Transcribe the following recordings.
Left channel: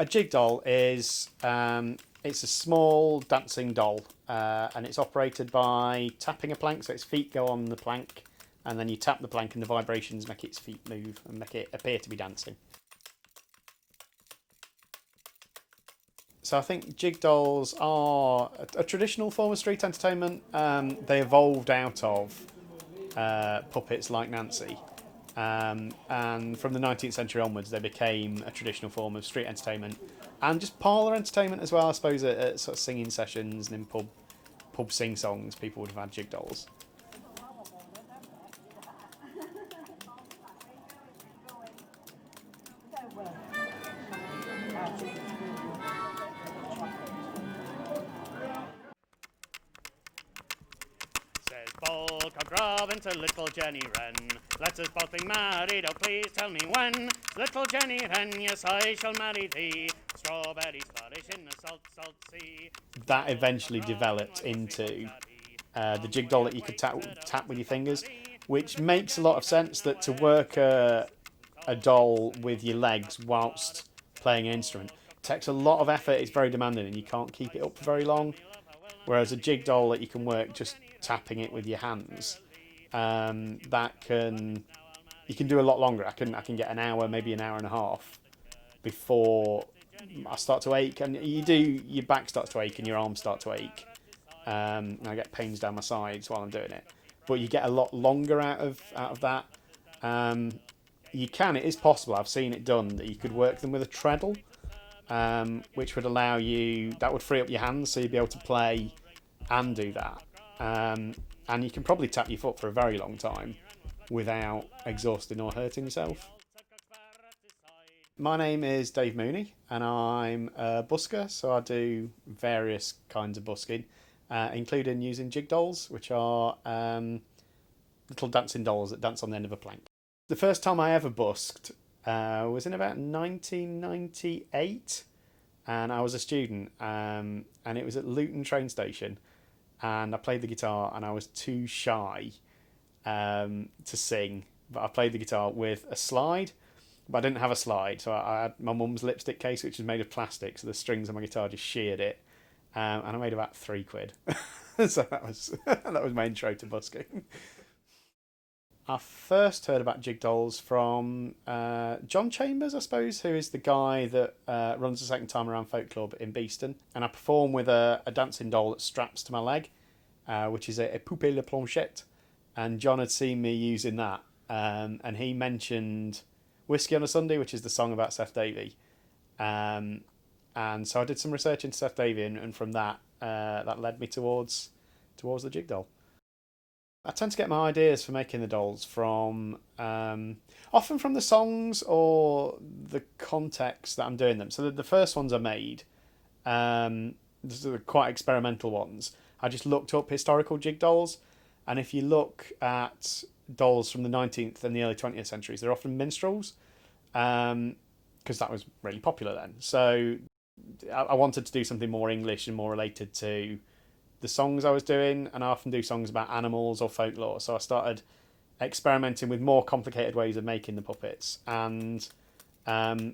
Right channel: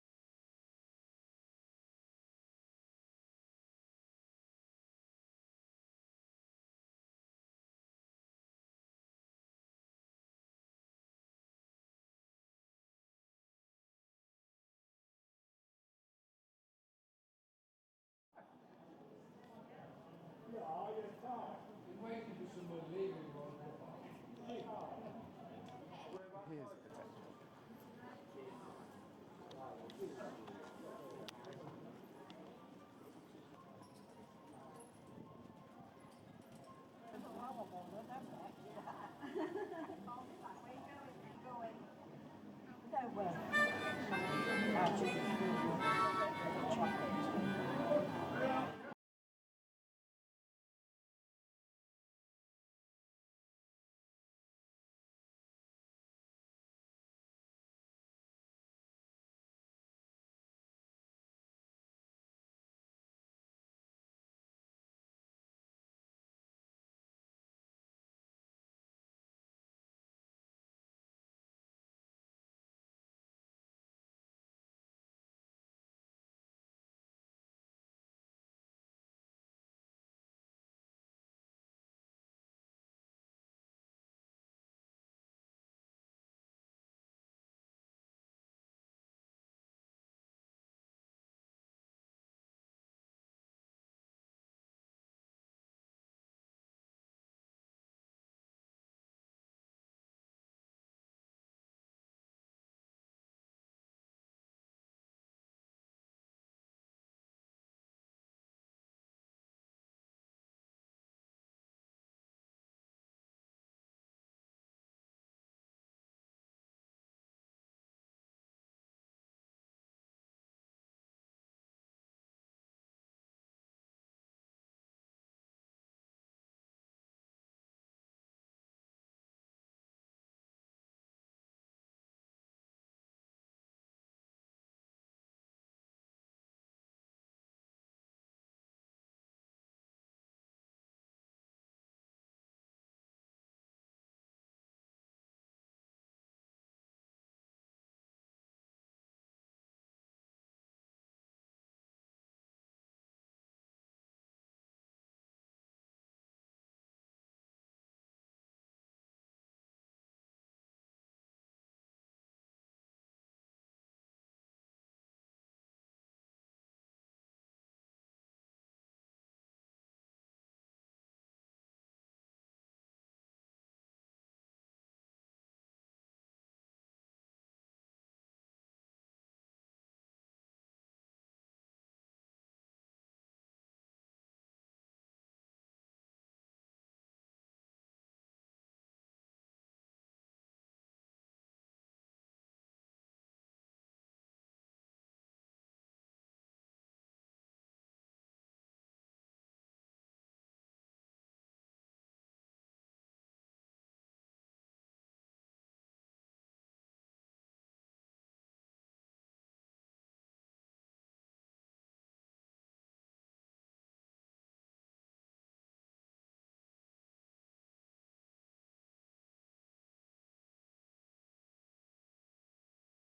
A jig doll is it's a small dancing doll, and it's operated by tapping a plank, so its feet go on the plank, and then you tap the plank and the vibrations make its feet move and make it appear to be dancing. So I think jig dolls are a traditional form of street entertainment. They evolved out of puppets like Nancy. And from the 19th century onwards, they became a traditional form of street entertainment and just parlour entertainment as well. I suppose at sort of singing sessions and in pub sing songs, people would have had jig dolls. Says Bulk Robin to little Jenny Wren, let us both be married, oh please tell me when. Little Jenny Wren, yes I shall marry thee, strawberries flourish in the salt, salt sea. That eventually developed into the jig doll that you could tap with your fingers, which makes a lot of sense, that to work a doll with your legs whilst playing an instrument takes a lot of effort, it's very demanding, and you can't keep it up for very long. Whereas a jig doll that you can work just tapping it with your hands, that you can do a lot longer. I can get an hour, maybe an hour and a half before I start to ache, and your back starts to ache and your arms start to ache. And I get pains down my sides while I'm doing it, but you get a lot longer out of that. It is possible, I've seen it done, that you could work them with a treadle, which would allow you, that would free up your hands, so you'd be able to play and do that. And you can probably tap your foot for a very long time without exhausting or hurting yourself. My name is Dave Mooney, and I'm a busker, so I do various kinds of busking, including using jig dolls, which are little dancing dolls that dance on the end of a plank. The first time I ever busked was in about 1998, and I was a student, and it was at Luton train station, and I played the guitar, and I was too shy to sing, but I played the guitar with a slide, but I didn't have a slide, so I had my mum's lipstick case, which was made of plastic, so the strings on my guitar just sheared it, and I made about £3. So that was my intro to busking. I first heard about jig dolls from John Chambers, I suppose, who is the guy that runs the Second Time Around Folk Club in Beeston. And I perform with a dancing doll that straps to my leg, which is a poupée la planchette. And John had seen me using that, and he mentioned Whiskey on a Sunday, which is the song about Seth Davey. And so I did some research into Seth Davey, and from that, that led me towards the jig doll. I tend to get my ideas for making the dolls from often from the songs or the context that I'm doing them. So the first ones I made, these are quite experimental ones. I just looked up historical jig dolls, and if you look at dolls from the 19th and the early 20th centuries, they're often minstrels, because that was really popular then. So I wanted to do something more English and more related to the songs I was doing, and I often do songs about animals or folklore, so I started experimenting with more complicated ways of making the puppets and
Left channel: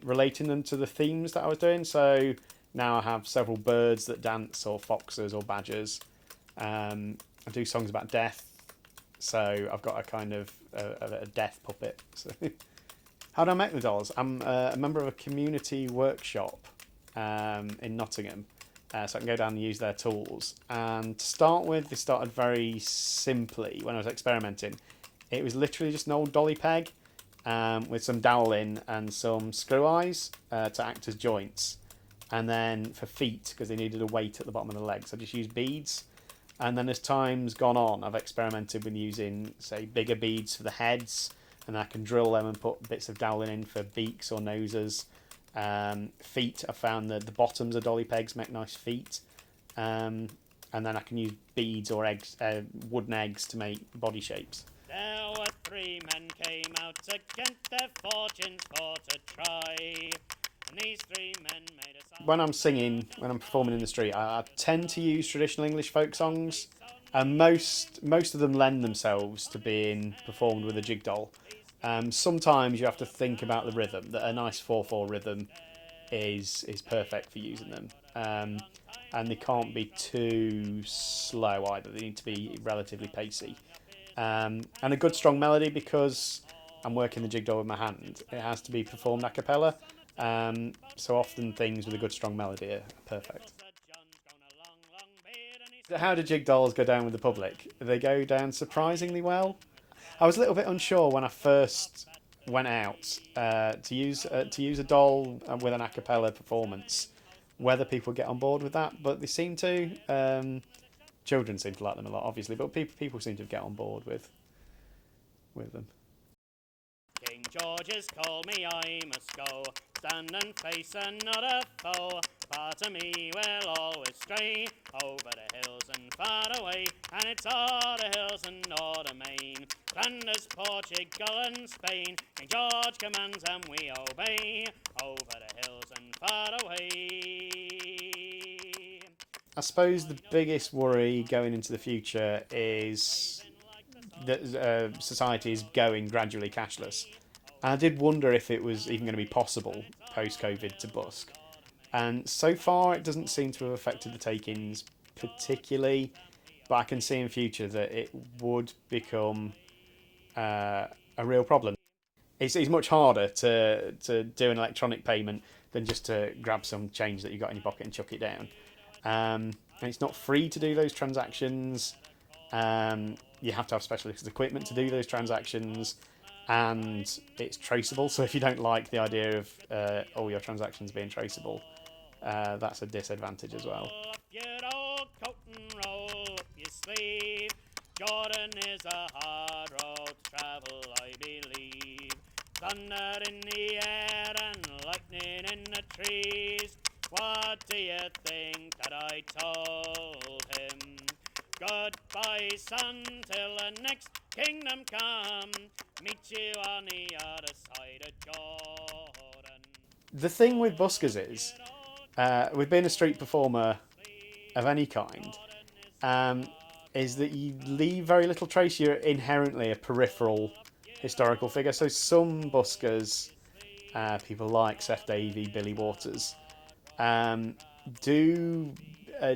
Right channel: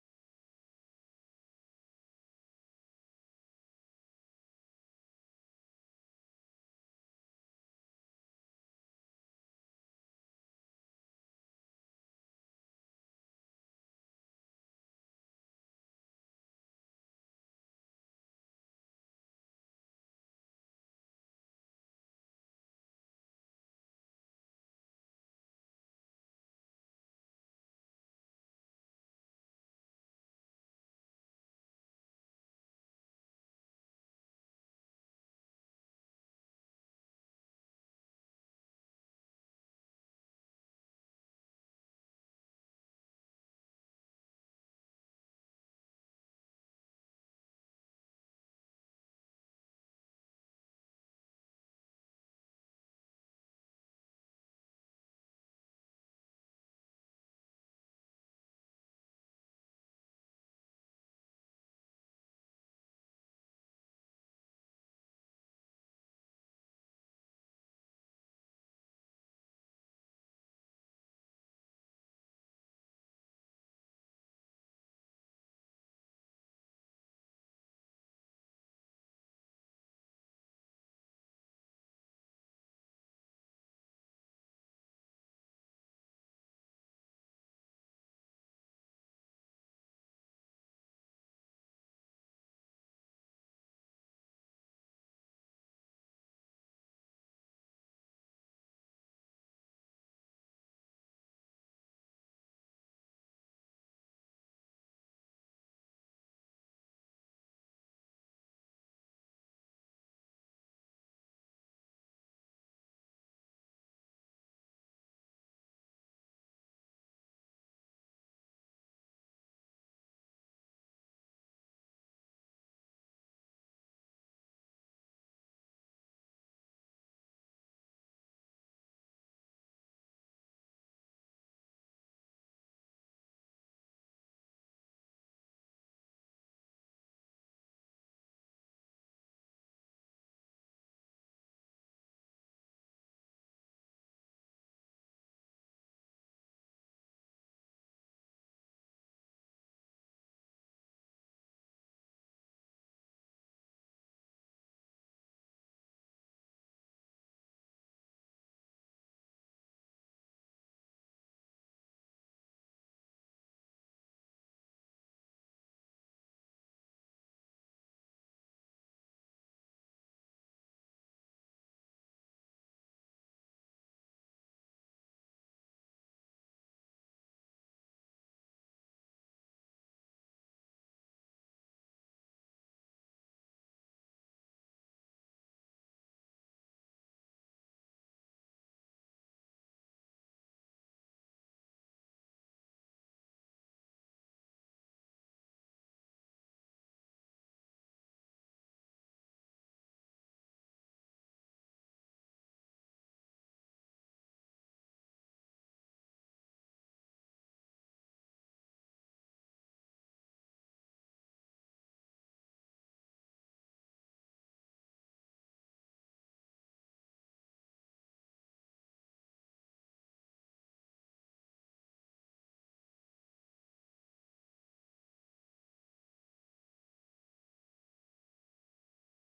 relating them to the themes that I was doing. So now I have several birds that dance, or foxes or badgers. I do songs about death, so I've got a kind of a death puppet. So how do I make the dolls? I'm a member of a community workshop in Nottingham, so I can go down and use their tools. And to start with, they started very simply when I was experimenting. It was literally just an old dolly peg with some dowel in and some screw eyes to act as joints. And then for feet, because they needed a weight at the bottom of the legs, I just used beads. And then as time's gone on, I've experimented with using, say, bigger beads for the heads, and I can drill them and put bits of doweling in for beaks or noses. Feet, I found that the bottoms of dolly pegs make nice feet. And then I can use beads or eggs, wooden eggs, to make body shapes. There were 3 men came out against their fortunes for to try. And these 3 men made a song. When I'm singing, when I'm performing in the street, I tend to use traditional English folk songs, and most of them lend themselves to being performed with a jig doll. Sometimes you have to think about the rhythm, that a nice 4/4 rhythm is perfect for using them. And they can't be too slow either. They need to be relatively pacey. And a good strong melody, because I'm working the jig doll with my hand. It has to be performed a cappella. So often things with a good strong melody are perfect. How do jig dolls go down with the public? They go down surprisingly well. I was a little bit unsure when I first went out to use a doll with an a cappella performance, whether people get on board with that, but they seem to. Children seem to like them a lot, obviously, but people seem to get on board with them. King George has called me, I must go, stand and face another foe. Part of me will always stray over the hills and far away, and it's all the hills and all the main, Flanders, Portugal and Spain. King George commands and we obey, over the hills and far away. I suppose the biggest worry going into the future is that society is going gradually cashless. And I did wonder if it was even going to be possible post-COVID to busk. And so far, it doesn't seem to have affected the take-ins particularly, but I can see in future that it would become a real problem. It's much harder to do an electronic payment than just to grab some change that you got in your pocket and chuck it down. And it's not free to do those transactions. You have to have specialist equipment to do those transactions, and it's traceable. So if you don't like the idea of all your transactions being traceable, that's a disadvantage as well. Jordan is a hard road to travel, I believe. Thunder in the air and lightning in the trees. What do you think that I told him? Goodbye, son, till the next kingdom come. Meet you on the other side of Jordan. The thing with buskers is, with being a street performer of any kind, is that you leave very little trace. You're inherently a peripheral historical figure. So some buskers, people like Seth Davey, Billy Waters, do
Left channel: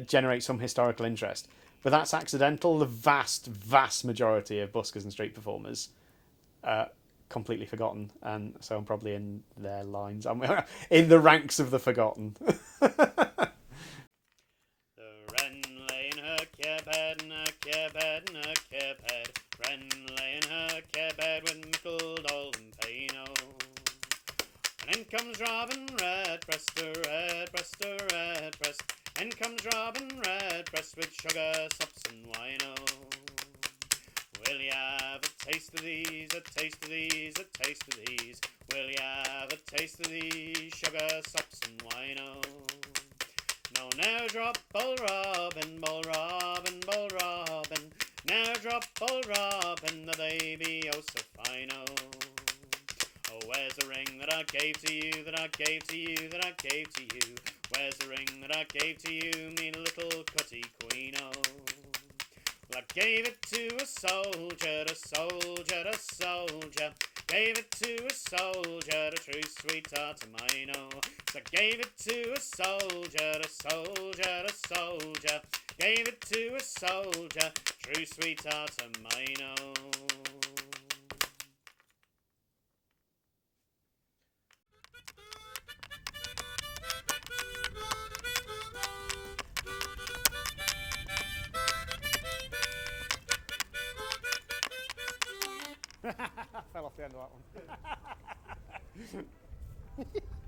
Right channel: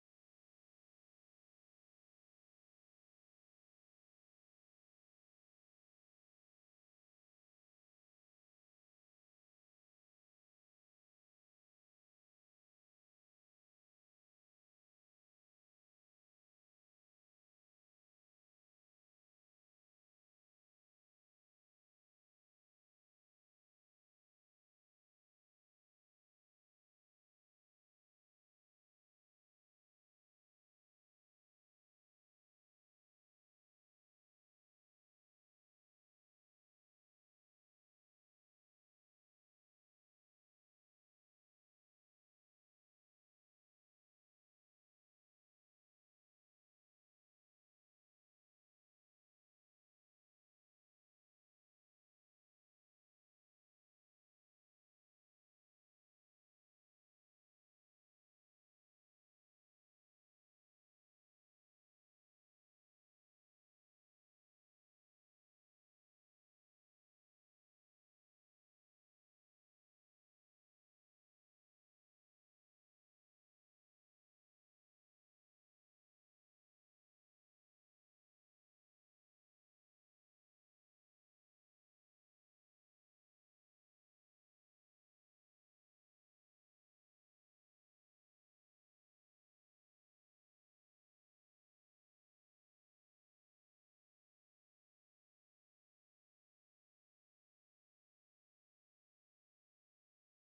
generate some historical interest, but that's accidental. The vast majority of buskers and street performers are completely forgotten, and so I'm probably in their lines. I'm in the ranks of the forgotten. In comes Robin Redbreast, Redbreast, Redbreast. In comes Robin Redbreast with sugar, sops and wino. Will you have a taste of these, a taste of these, a taste of these? Will you have a taste of these, sugar, sops and wino? No, now drop Bull Robin, Bull Robin, Bull Robin. Now drop Bull Robin, the baby oh so fino. Oh, where's the ring that I gave to you, that I gave to you, that I gave to you? Where's the ring that I gave to you, me little cutty queen, oh? Well, I gave it to a soldier, a soldier, a soldier. Gave it to a soldier, a true sweetheart of mine, oh. So I gave it to a soldier, a soldier, a soldier. Gave it to a soldier, true sweetheart of mine, oh. I fell off the end of that one.